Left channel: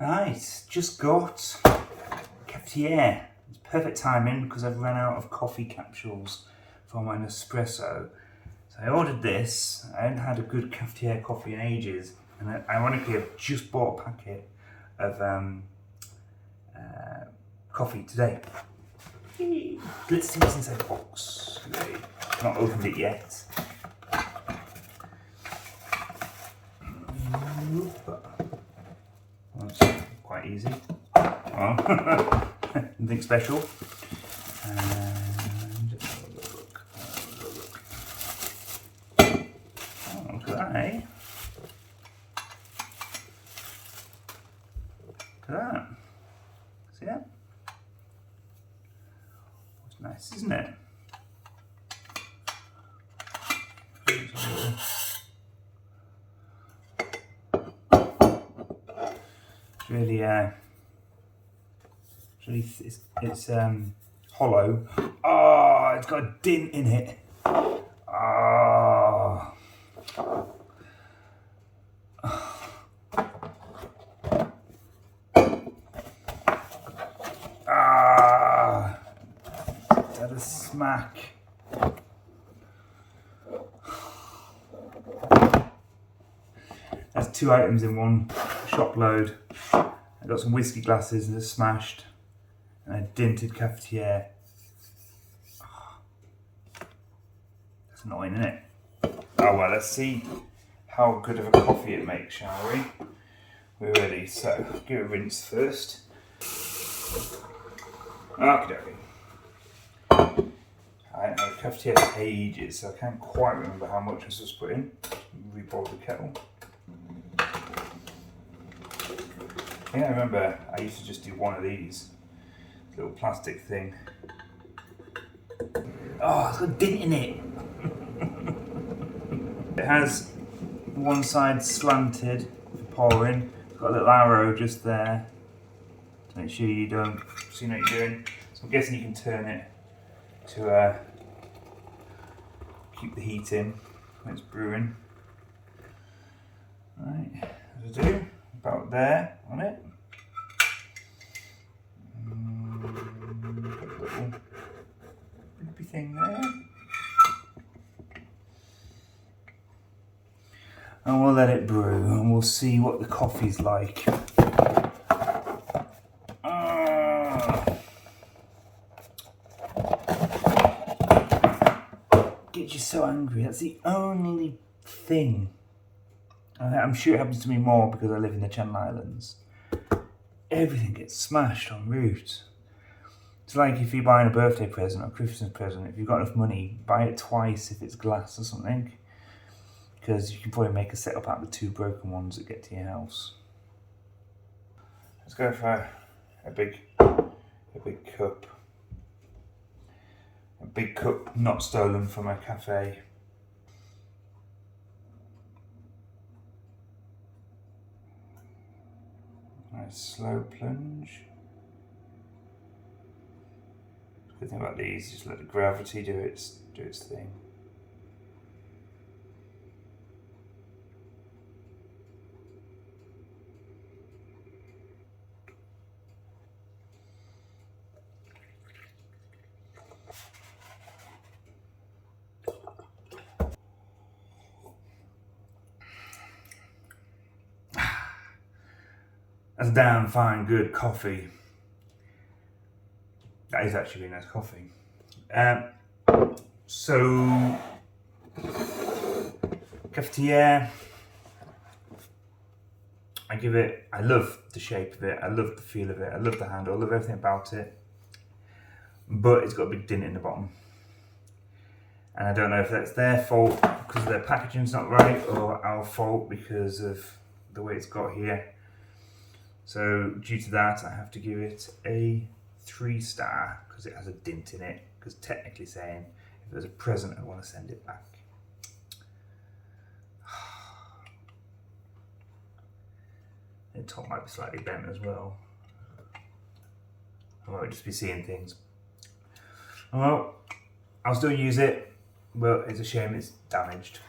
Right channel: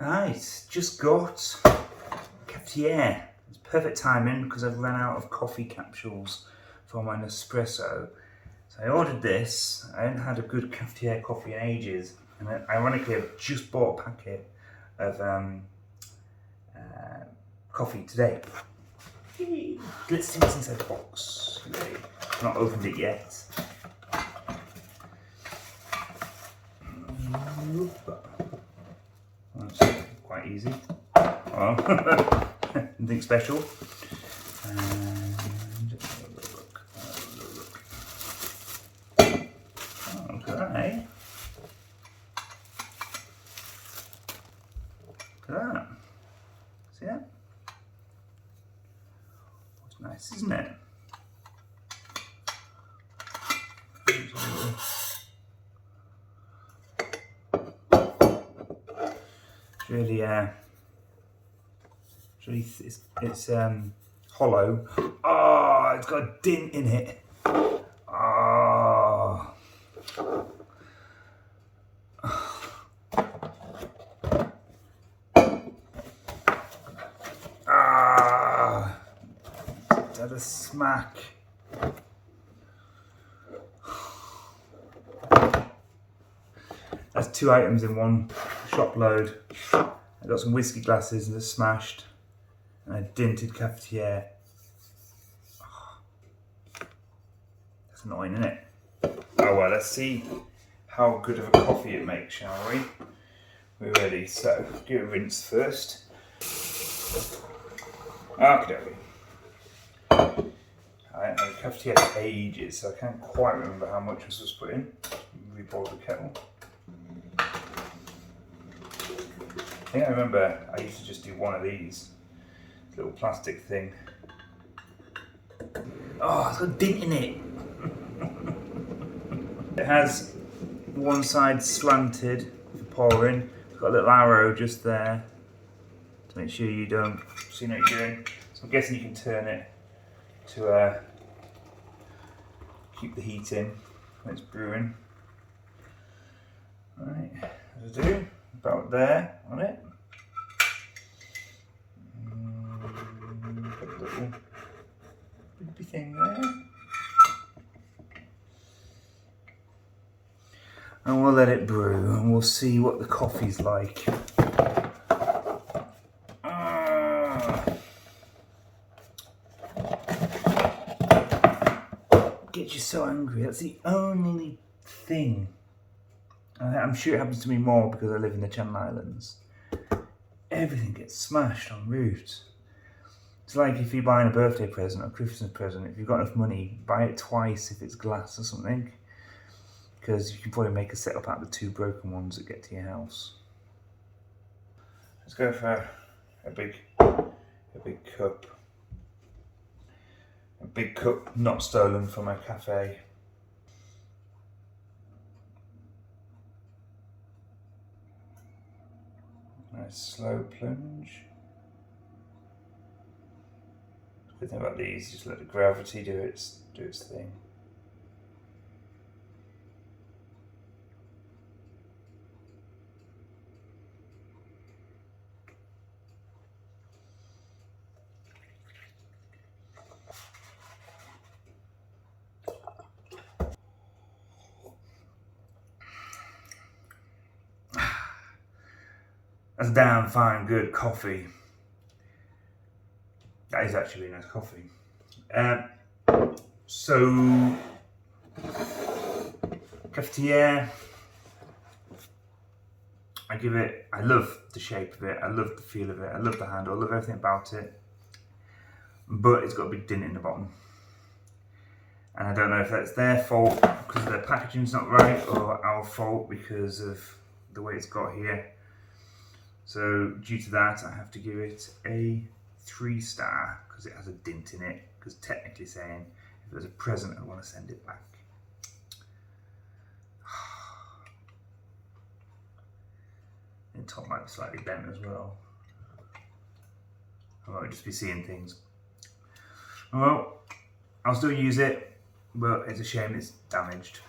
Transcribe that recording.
Right, just got Cafetiere. It's perfect timing because I've run out of coffee capsules for my Nespresso. So I ordered this. I hadn't had a good Cafetiere coffee in ages, and ironically I've just bought a packet of coffee today. Let's see what's inside the box. I've not opened it yet. That's quite easy. Well, nothing special. And look. Oh, look at that, eh? Look at that. See that? It's nice, isn't it? It's hollow. Oh, it's got a dint in it. Oh. Ah. That a smack. That's 2 items in one shop load. I got some whiskey glasses that are smashed, and a dinted Cafetiere. Oh, that's annoying, isn't it? Oh well, let's see how good of a coffee it makes, shall we? We're ready, so give it a rinse first. Okay. I haven't had a Cafetiere for ages, so I can't quite remember how much I was put in. Reboil the kettle. I think I remember I used to just do one of these, little plastic thing. Oh, it's got a dint in it. It has one side slanted for pouring. It's got a little arrow just there to make sure you don't see what you're doing. So I'm guessing you can turn it to keep the heat in when it's brewing. Right, as I do. About there on it. Put a little loopy thing there. And we'll let it brew and we'll see what the coffee's like. Gets you so angry. That's the only thing. I'm sure it happens to me more because I live in the Channel Islands. Everything gets smashed en route. It's like if you're buying a birthday present or a Christmas present, if you've got enough money, buy it twice if it's glass or something. Because you can probably make a setup out of the 2 broken ones that get to your house. Let's go for a big cup. A big cup not stolen from a cafe. Nice slow plunge. The good thing about these, just let the gravity do its thing. That's damn fine, good coffee. That is actually really nice coffee. So, Cafetiere. I love the shape of it, I love the feel of it, I love the handle, I love everything about it. But it's got a big dint in the bottom. And I don't know if that's their fault because their packaging's not right, or our fault because of the way it's got here. So due to that, I have to give it a 3-star because it has a dint in it. Because technically saying, if it was a present, I want to send it back. The top might be slightly bent as well. I might just be seeing things. Well, I'll still use it, but it's a shame it's damaged.